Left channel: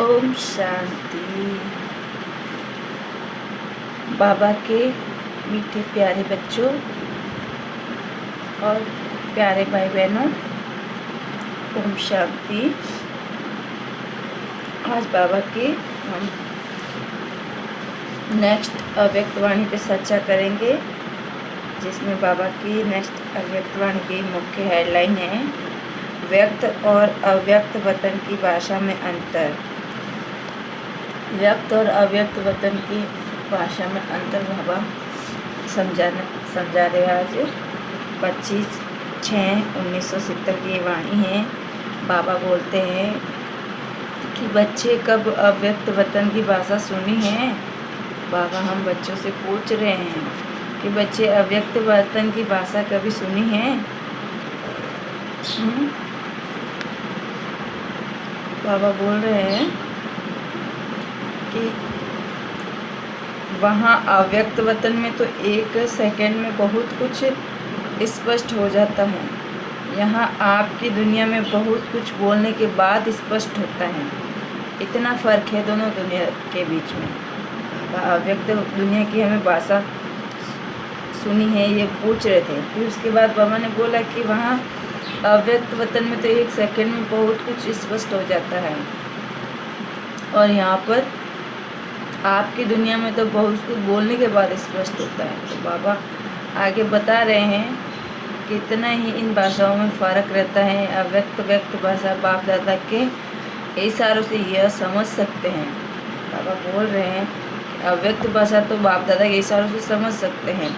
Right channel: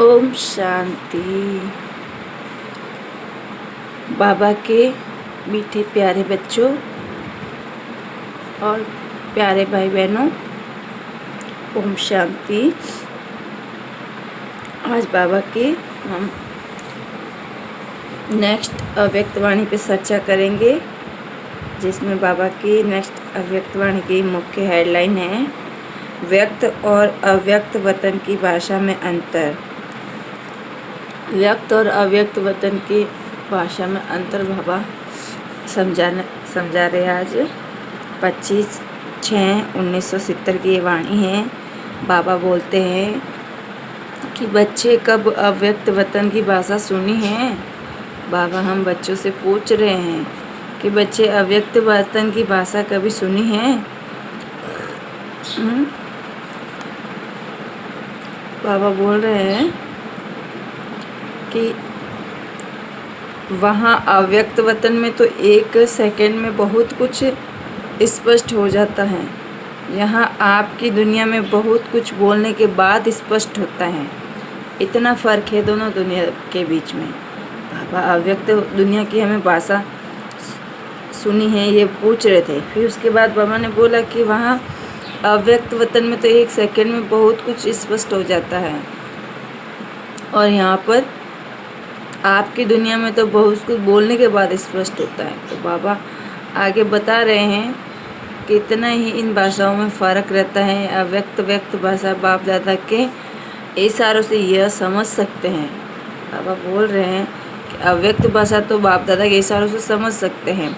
ओम शांति। बाबा के मीठे प्यारे बच्चों और प्यारे भाई बहनों, ओम शांति। आज बाबा के हम नेक्स्ट अव्यक्तवाणी पे चर्चा करेंगे, जिसमें बाबा की नेक्स्ट अव्यक्तवाणी की मुख्य हेडलाइन है व्यक्त और अव्यक्त वतन की भाषा में अंतर। व्यक्त और अव्यक्त वतन की भाषा में अंतर बाबा समझा रहे। आज 25/6/1970 की वाणी है। बाबा बोलते हैं कि बच्चे कब अव्यक्त वतन की भाषा सुनी है। बाबा हम बच्चों से पूछ रहे हैं कि बच्चे अव्यक्त वतन की भाषा कभी सुनी है। बाबा बोल रहे हैं कि वहाँ अव्यक्त वतन में तो 1 सेकंड में बहुत कुछ स्पष्ट हो जाता है। यहाँ आपकी दुनिया में बहुत कुछ बोलने के बाद स्पष्ट होता है। इतना फ़र्क है दोनों दुनिया के बीच में। बाबा अव्यक्त दुनिया की हमें भाषा सुनी है ये पूछ रहे थे। फिर उसके बाद बाबा ने बोला कि वहाँ अव्यक्त वतन में तो 1 सेकंड में बहुत कुछ स्पष्ट हो जाता है, और यहाँ पर आपकी दुनिया में तो बहुत कुछ बोलने के बाद स्पष्ट होता है। तो बाबा आगे बता रहे हैं कि इतना ही इन भाषाओं में फ़र्क रहता है। अव्यक्त व्यक्त भाषा बाप दादा के इशारों से यह समझ सकते हैं। बाबा बोल रहे हैं कि अव्यक्त भाषा तो बाप दादा के इशारों से समझ सकते हैं।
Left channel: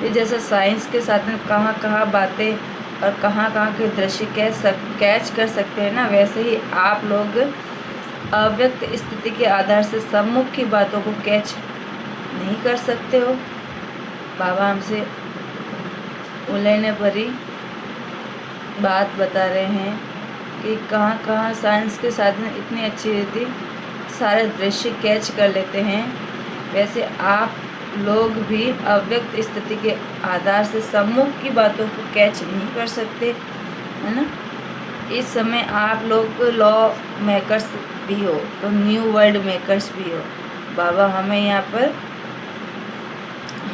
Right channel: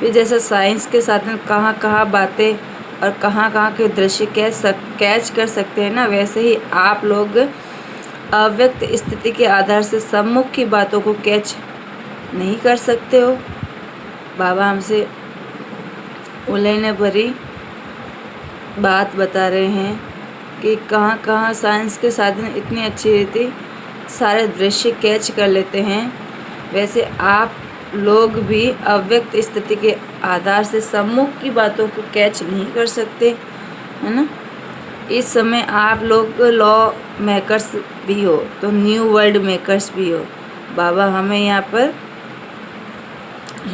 फिर जैसे साइंस के साथ में कहाँ बातें और कहाँ के दृश्य कैच कर सकते हैं ना, वैसे ही आप लोग अव्यक्त स्थिति के आधार से सम्मुख की बातों को कैच नहीं कर सकते हो। बाबा हमसे उलझने भरी बात बता रहे हैं कि कहाँ साइंस के साधन इतनी अच्छी रहती, सारे दृश्य कैच कर लेते हैं। वैसे आप लोग भी अव्यक्त स्थिति के आधार से सम्मुख की बातों को कैच नहीं कर सकते, है ना। इस समय आप लोग लॉ मेकर्स भी हो तो न्यू वर्ल्ड मेकर्स भी हो। बाबा हमें यहाँ पर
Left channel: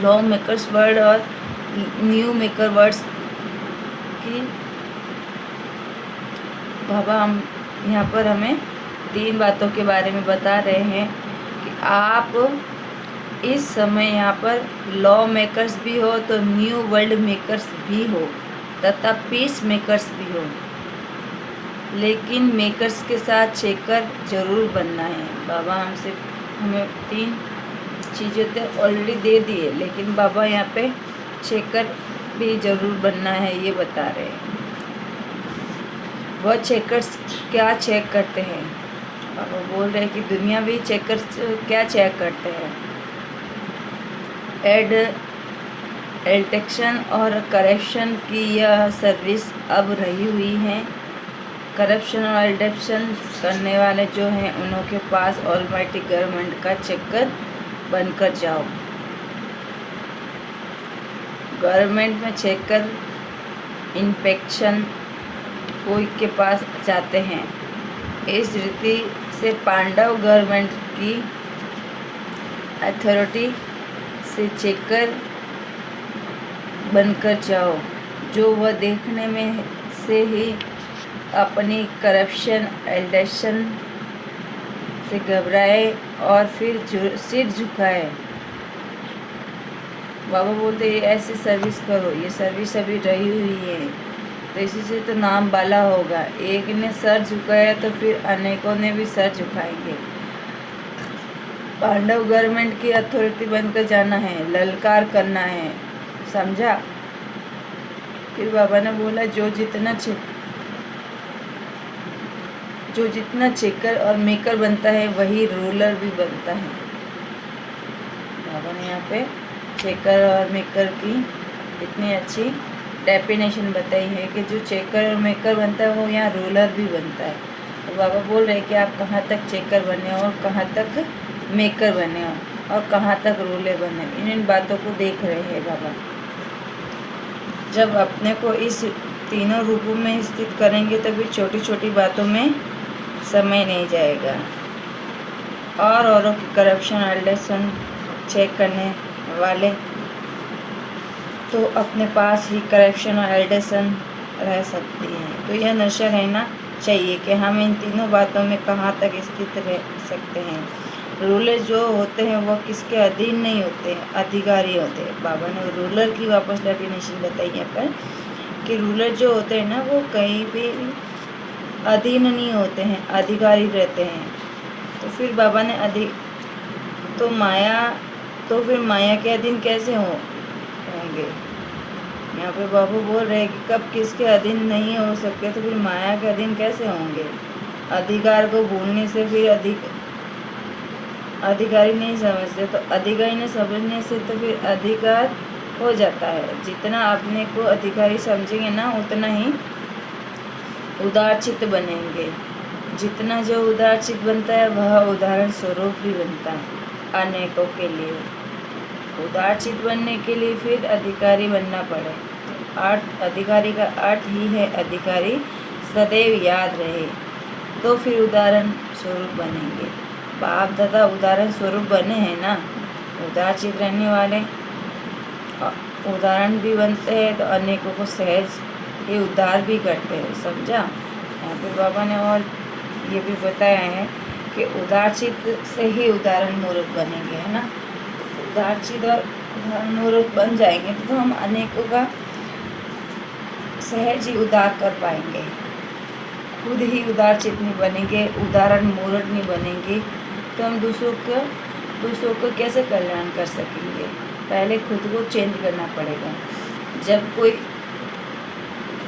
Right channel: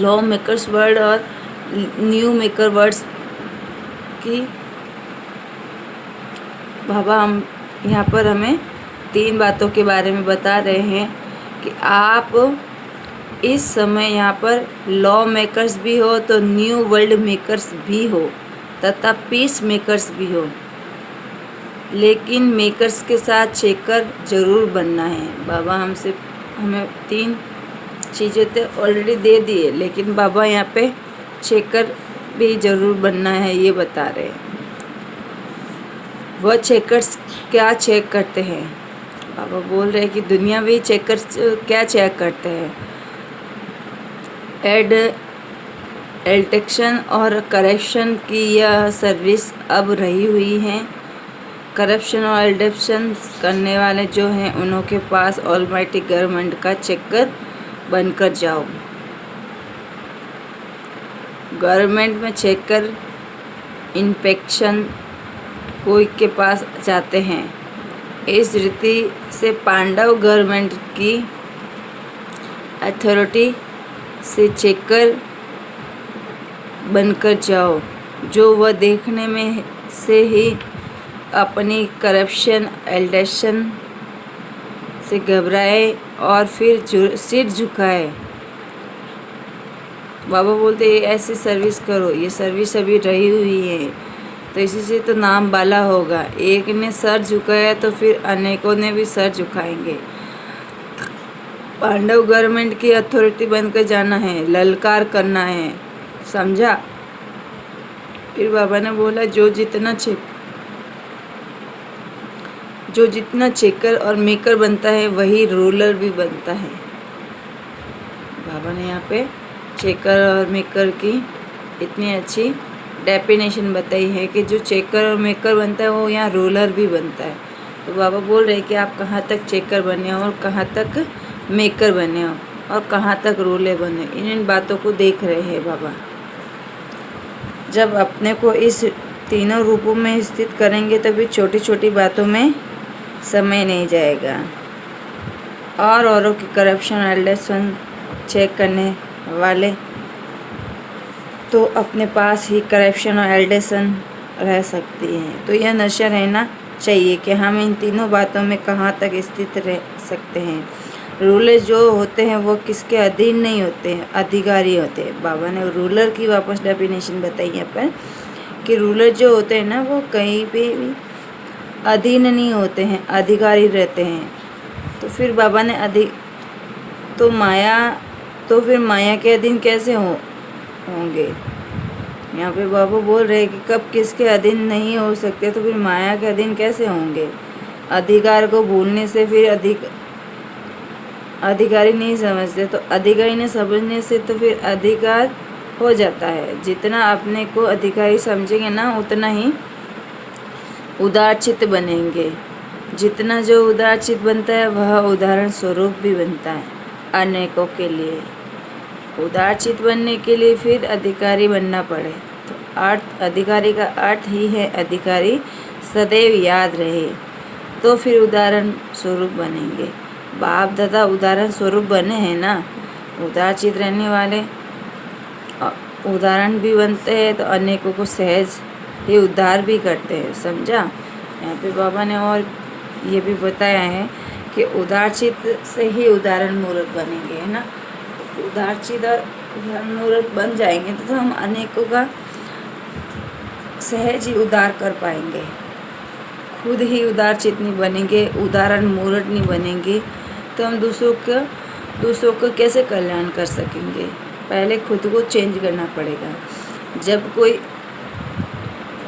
लॉ मेकर्स वर्ड और न्यू मेकर वर्ड्स की बाबा हम यहाँ पर हमें 3 बातों के बारे में बता रहे हैं कि आप इस समय यहाँ पर लॉ मेकर्स भी हो तो न्यू वर्ल्ड मेकर्स भी हो तथा पीस मेकर्स भी हो, लेकिन मेकर्स के साथ चेकर ज़रूर बनना है। बाबा हमें 3 चीज़ें तो ऑलरेडी दे दिए, लेकिन बाबा यहाँ पे चेकर भी ज़रूर बनना है, ये बता रहे हैं। वह चेकर्स क्या चेक करते हैं? बाबा बोल रहे हैं कि दुनियावी चेकर्स क्या चेक करते हैं। एडिक्शन और करप्शन की यह सर्विस अब रही हुई है। करप्शन और एडिक्शन करने वाले जो हैं उनके पास ऑलमाइटी गवर्नमेंट का चेकर बनकर जाओ। गवर्नमेंट में चेकर इंस्पेक्शन कोई के पास जाते हैं। इस रीति से पांडव गवर्नमेंट की अथॉरिटी से चेकर बनकर जाओ, जो वह देखने में से ही अपनी करप्शन एडिक्शन से घबराए और फिर सिर झुकाए। बाबा बोलते ऐसी सर्विस करो। ये सर्विस अभी रही हुई है, तो इसी से तो नाम बाला होगा। एक ने सर झुकाया तो फिर अनेकों ने भी सर झुकाएंगे। पांडव गवर्नमेंट की अथॉरिटी बनकर जाना है, ललकार करना है, समझा। फिर बाबा ने बोला जो जितना चेकर और मेकर बनता है वही रूलर भी बनता है। बाबा ने यहाँ पे चेकर और मेकर की इतनी अच्छी डेफिनेशन बताई है कि जो चेकर और मेकर बनता है वो यहाँ रूलर भी बनता है। तो बाबा बोल रहे हैं कि आप कहाँ तक चेकर बने हो और कहाँ तक मेकर बने हो और कहाँ तक रूलर बने हो, इन बातों को देख रहे हैं बाबा। जब अपने को इस तीनों रूपों में स्थित करेंगे तभी छोटी छोटी बातों में समय नहीं जाएगा। और औरों की करप्शन एलिगेशन चेक करने वाले तो अपने पास ही करप्शन और एलिगेशन रह सकती है। तो यह नशा रहना चाहिए कि हम इन तीनों बातों में कहाँ तक स्थित रह सकते हैं। रूलर जो होते हैं वो किसके अधीन नहीं होते हैं, अधिकारी होते हैं। बाबा ने रूलर की वापस डेफिनेशन बताई यहाँ पर कि रूलर जो होते हैं ना वो कहीं भी अधीन नहीं होते हैं, अधिकारी रहते हैं। तो फिर बाबा ने तो फिर माया के अधीन कैसे होंगे। यहाँ पे बाबू बोल रहे हैं कि कब किसके अधीन नहीं हो सकते तो फिर माया के अधीन कैसे होंगे। अधिकार को भूलने से फिर अधिकारी नहीं समझते, तो अधिकारी नहीं समझने से तो फिर अधिकार हो जाता है। जितना अपने को अधिकारी समझेंगे ना उतना ही उदारचित्त बनेंगे। जितना जो उदारचित्त बनता है वह उदाहरण स्वरूप भी बनता है अनेकों के लिए। उदारचित्त बनने के लिए फिर अधिकारी बनना पड़े। तो अधिकारी का अर्थ ही है अधिकारी सदैव याद रहे, तो फिर उदाहरण स्वरूप बनेंगे। बाप दादा उदाहरण स्वरूप बने हैं ना, उदारचित्त रहने वाले उदाहरण भी बनते हैं, तो अनेकों को सहज ही उद्धार भी करते हैं। समझा। यहाँ पे बाबा ने और ये भी बताया है कि उदारचित्त से ही उदाहरण मूर्ख बनेंगे, है ना। उदारचित्त और उदाहरण मूर्ख बन जाएंगे तो हम अनेकों का सहज ही उद्धार कर पाएंगे। खुद ही उदारचित्त नहीं बनेंगे, उदाहरण मूर्ख नहीं बनेंगे, तो हम दूसरों को कैसे कल्याण कर सकेंगे। पहले खुद को चेंज करना पड़ेगा।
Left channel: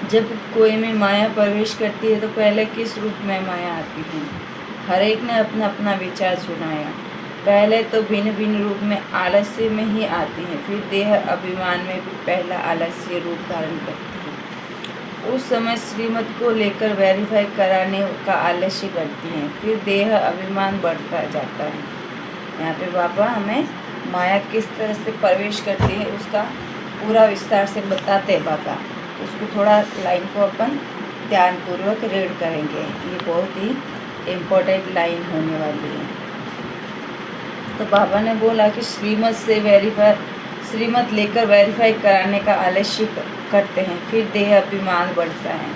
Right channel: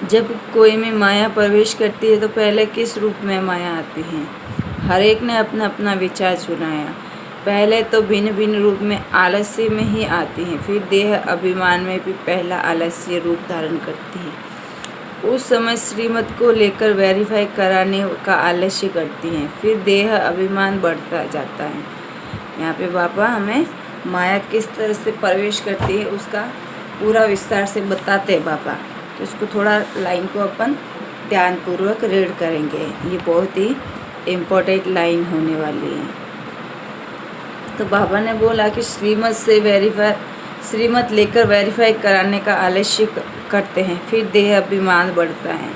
जब कोई में माया प्रवेश करती है तो पहले किस रूप में माया आती है। हर एक ने अपना अपना विचार सुनाया। पहले तो भिन्न भिन्न रूप में आलस्य में ही आती हैं, फिर देह अभिमान में भी पहला आलस्य रूप धारण करती है। उस समय श्रीमत को लेकर वेरीफाई कराने का आलस्य करती हैं, फिर देह अभिमान बढ़ता जाता है। यहाँ पे बाबा हमें माया किस तरह से प्रवेश करती है उसका पूरा विस्तार से बताते हैं बाबा। तो उसको थोड़ा लाइन को अपन ध्यानपूर्वक रीड करेंगे। ये बहुत ही इम्पोर्टेंट लाइन होने वाली है। तो बाबा ने बोला कि श्रीमत लेकर वेरीफाई कराने का आलस्य करते हैं, फिर देह अभिमान बढ़ता है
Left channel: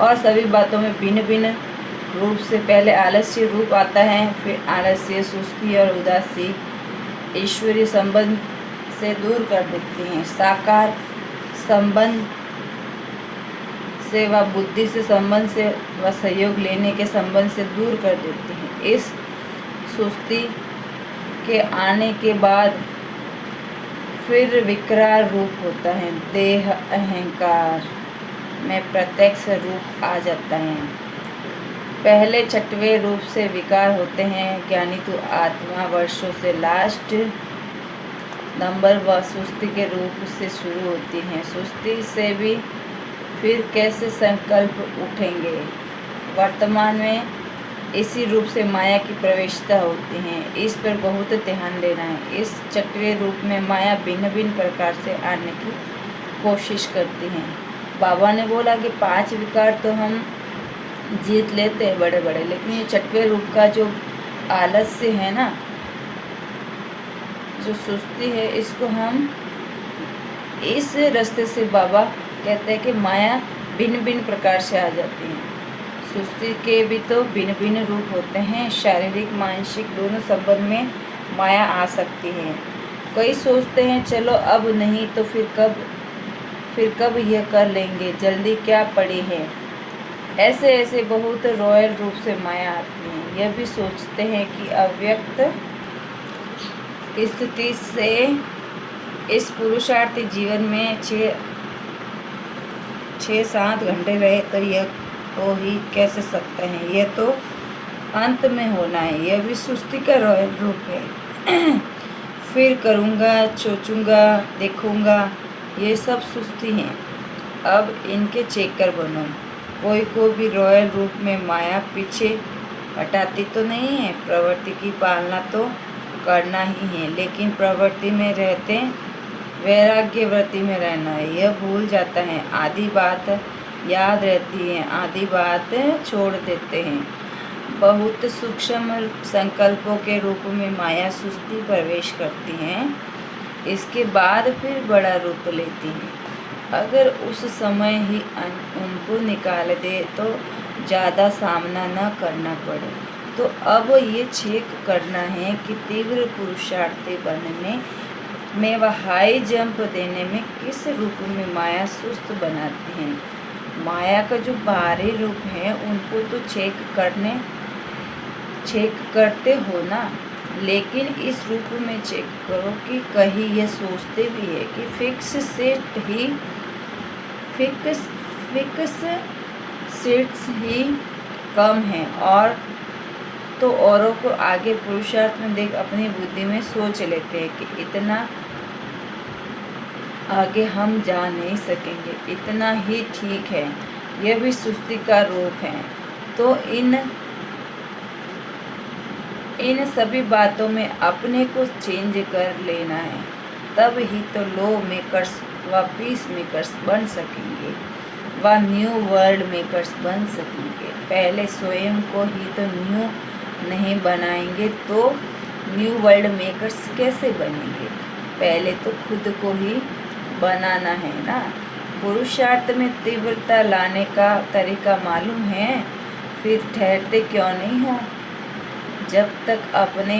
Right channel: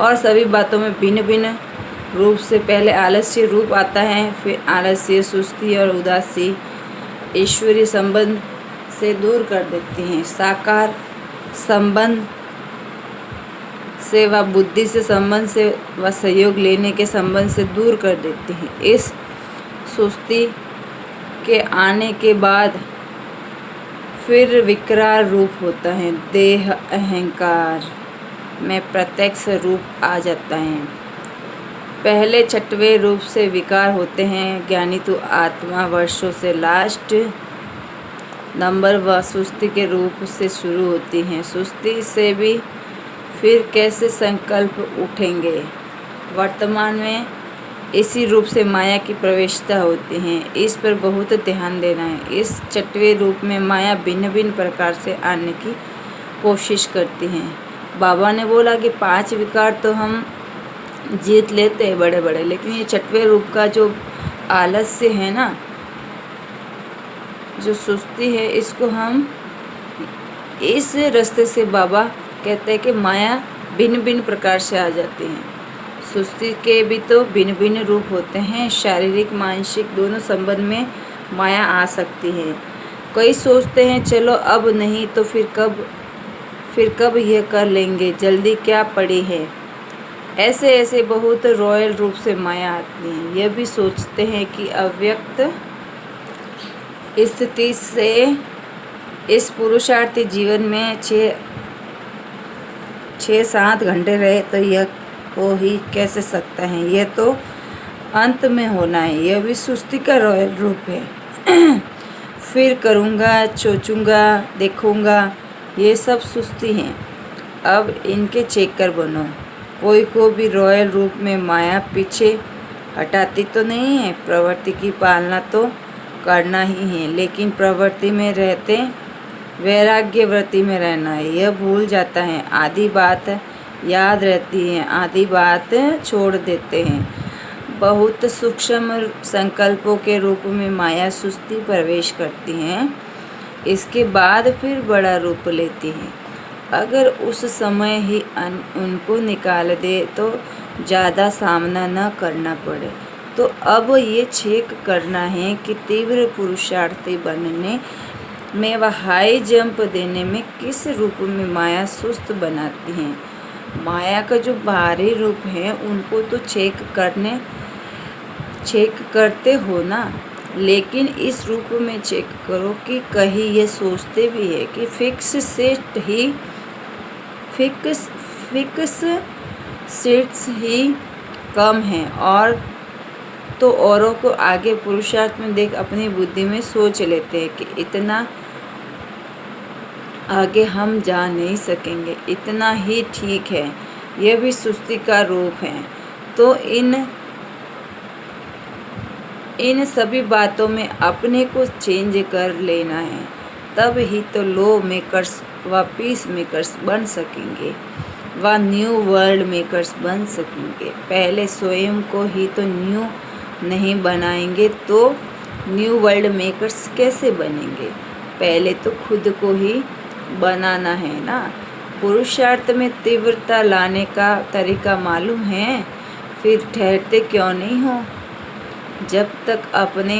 और सभी बातों में भिन्न भिन्न रूप से पहले आलस्य रूप आता है, फिर आलस्य, सुस्ती और उदासी ईश्वरीय संबंध से दूर कर देती हैं। साकार संबंध से व बुद्धि से संबंध से व सहयोग लेने के संबंध से दूर कर देती हैं। इस सुस्ती के आने के बाद फिर विकराल रूप होता है, देह अहंकार में प्रत्यक्ष रूप आ जाता है। पहले छठवें रूप से विकार होते हैं। ज्ञानी तो आत्मा वर्षों से लास्ट नंबर व सुस्ती के रूप से शुरू होती हैं। सुस्ती से भी फिर कैसे संकल्प उठेंगे। वर्तमान में इसी रूप से माया की प्रवेशता होती है। इस पर बहुत ध्यान देना है। इस छठवें रूप में माया भिन्न भिन्न प्रकार से आने की कोशिश करती हैं। बाबा ने बोला कि 5 विकार तो हम जीत लेते हैं बड़े बड़े, लेकिन ये छठवें रूप का जो आलस्य है ना, जो सुस्ती है, इसको हम इस रास्ते से बाबा कहते हैं कि माया भिन्न भिन्न प्रकार से आ जाती है। सुस्ती के भी तो भिन्न भिन्न रूप होते हैं। शारीरिक मानसिक दोनों संबंध में माया आ सकती है। कई सोचते हैं चलो अब नहीं तो फिर कब यह कर लेंगे, जल्दी क्या पड़ी है। ऐसे बहुत रॉयल रूप से माया आती है। यह भी सोचते हैं कि अव्यक्त स्थिति से इस पुरुषार्थी जीवन में 6-7 घंटे रहे तो यह हो ही कैसे सकता है। यह तो अंत में होना है। यह भी सुस्ती का रॉयल रूप है। फिर करूँगा, सोचूंगा, देखूंगा, ये सब सुस्ती हैं। अब इनके चेकर बनो। कोई को भी रॉयल रूप में माया पीछे हटाती तो नहीं है। प्रवृत्ति की पालना तो करना ही है, लेकिन प्रवृत्ति में रहते वैराग्य वृत्ति में रहना है, यह भूल जाता है। आधी बात याद रहती है, आधी बात छोड़ देते हैं। बहुत सूक्ष्म संकल्पों के रूप में माया सुस्ती प्रवेश करती हैं, इसके बाद फिर बड़ा रूप लेती हैं। अगर उस समय ही उनको निकाल दे तो ज़्यादा सामना न करना पड़े। तो अब ये चेक करना है कि तीव्र पुरुषार्थी बनने में व हाई जंप देने में किस रूप में माया सुस्त बनाती हैं। माया का जो बाहरी रूप है उनको तो चेक करते हो ना, लेकिन इस रूप में चेक करो कि कहीं ये सोचते भी है कि फिक्स सीट्स ही कम हैं, और तो औरों को आगे पुरुषार्थ में देख अपनी बुद्धि में सोच लेते हैं कि इतना आगे हम जा नहीं सकेंगे, इतना ही ठीक है। यह भी सुस्ती का रूप है। तो इन सभी बातों में अपने को चेंज कर लेना है, तब ही तो लो मेकर्स व पीस मेकर्स बन सकेंगे व न्यू वर्ल्ड मेकर्स बन सकेंगे। पहले स्वयं को ही तो न्यू नहीं बनाएंगे तो न्यू वर्ल्ड मेकर्स कैसे बनेंगे। पहले तो खुद को ही बनाना है ना। पुरुषार्थ में तीव्रता लाने का तरीका मालूम है, फिर ठहरते क्यों नहीं हो। जब तक अपने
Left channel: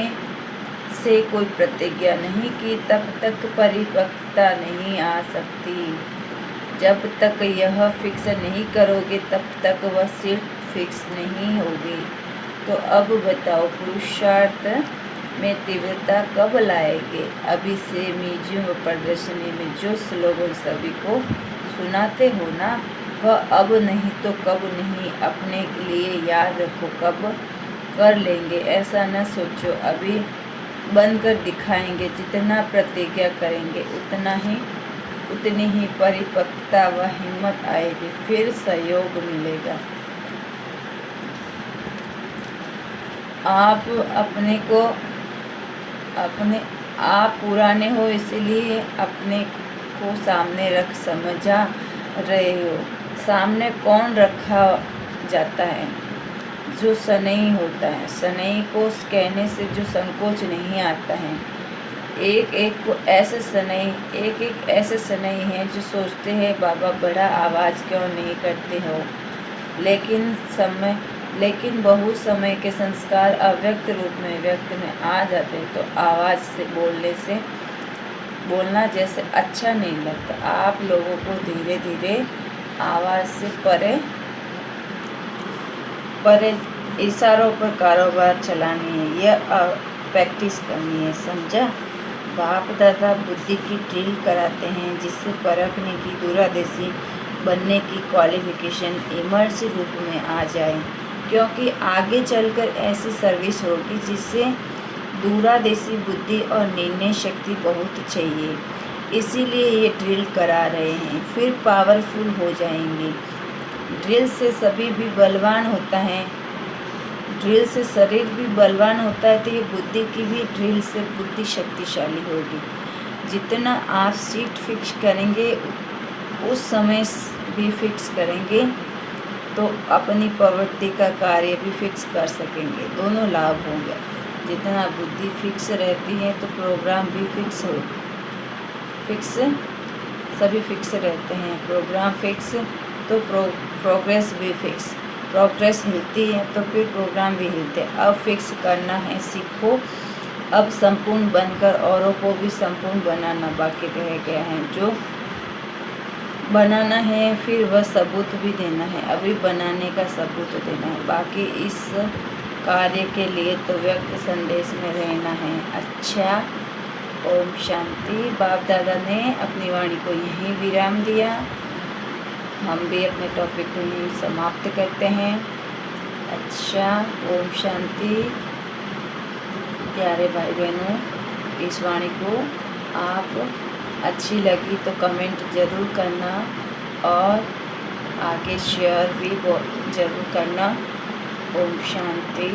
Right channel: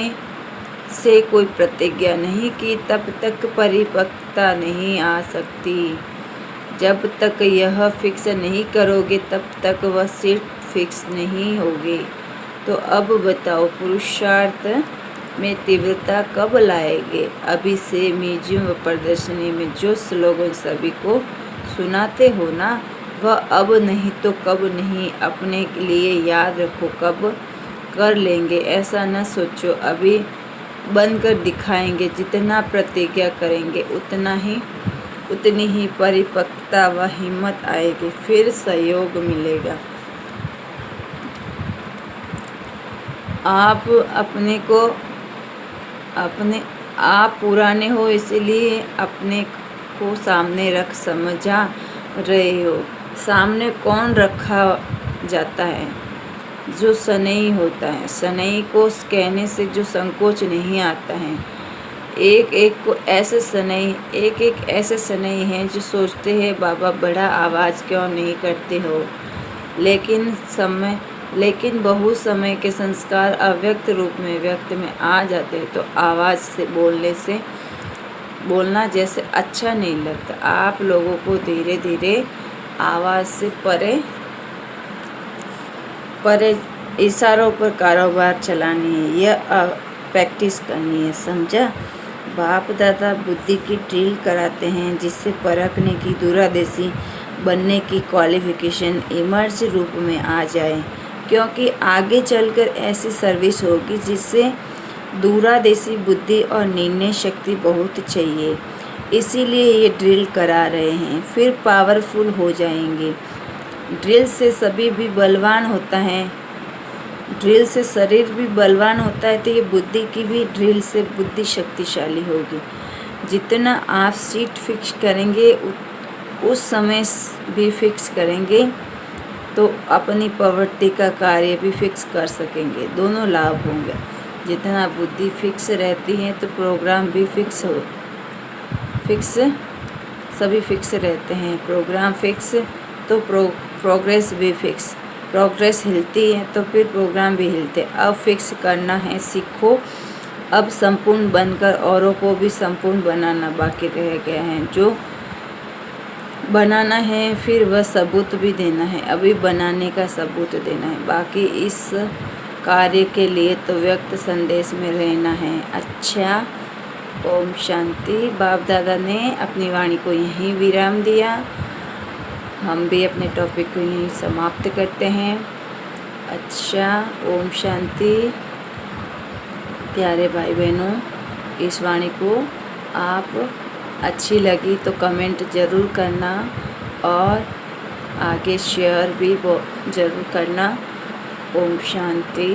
से कोई प्रतिज्ञा नहीं की तब तक परिपक्वता नहीं आ सकती। जब तक यह फिक्स नहीं करोगे तब तक वह सिर्फ फिक्स नहीं होगी। तो अब बताओ पुरुषार्थ में तीव्रता कब लाएंगे। अभी से म्यूजियम व प्रदर्शनी में जो स्लोगन सभी को सुनाते हो ना, वह अब नहीं तो कब नहीं। अपने लिए याद रखो, कब कर लेंगे ऐसा न सोचो, अभी बनकर दिखाएंगे। जितना प्रतिज्ञा करेंगे उतनी ही परिपक्वता व हिम्मत आएगी, फिर सहयोग मिलेगा। आप पुराने हो इसलिए अपने को सामने रख समझा रहे हो। सामने कौन रखा जाता है? जो सनई होता है। सनई को कहने से जो संकोच नहीं आता है। एक एक ऐसे सनई हैं जो सोचते हैं बाबा बड़ा आवाज़ क्यों नहीं करते हो, लेकिन बहुत समय के संस्कार अव्यक्त रूप में व्यक्त में आ जाते हैं, तो आवाज़ से बोलना जैसे अच्छा नहीं लगता। आप लोगों को धीरे धीरे आवाज़ से परे इशारों पर कारोबार चलानी है, यह प्रैक्टिस करनी है, समझा। बाप दादा बुद्धि की ड्रिल कराते हैं जिससे परखने की दूरदेशी बनने की क्वालिफिकेशन इमर्ज रूप में आ जाए, क्योंकि आगे चलकर ऐसी सर्विस होगी जिससे दूरदेशी बुद्धि और निर्णय शक्ति बहुत चाहिए। इसीलिए ये ड्रिल करा रहे हैं, फिर पावरफुल हो जाएंगे। ड्रिल से सभी भी बलवान होता है, ड्रिल से शरीर भी बलवान होता है, तो ये बुद्धि की भी ड्रिल से बुद्धि शक्तिशाली होगी। जितना आप सीट फिक्स करेंगे उस समय भी फिक्स करेंगे तो अपनी प्रवृत्ति का कार्य भी फिक्स कर सकेंगे, दोनों लाभ होंगे। जितना बुद्धि फिक्स रहती है तो प्रोग्राम भी सभी फिक्स रहते हैं। प्रोग्राम फिक्स तो प्रोग्रेस भी फिक्स। प्रोग्रेस हिलती है तो फिर प्रोग्राम भी हिलते। अब फिक्स करना है सीखो। अब संपूर्ण बनकर औरों को भी संपूर्ण बनाना बाकी रह गया है। जो बनाना है फिर वह सबूत भी देना है, अभी बनाने का सबूत देना है। बाकी इस कार्य के लिए तो व्यक्त संदेश में रहना है। अच्छा, ओम शांति। बाप दादा ने अपनी वाणी को यहीं विराम दिया। हम भी अपने टॉपिक को यहीं समाप्त करते हैं। अच्छा, ओम शांति। प्यारे भाई बहनों, इस वाणी को आप अच्छी लगी तो कमेंट ज़रूर करना और आगे शेयर भी ज़रूर करना। ओम शांति।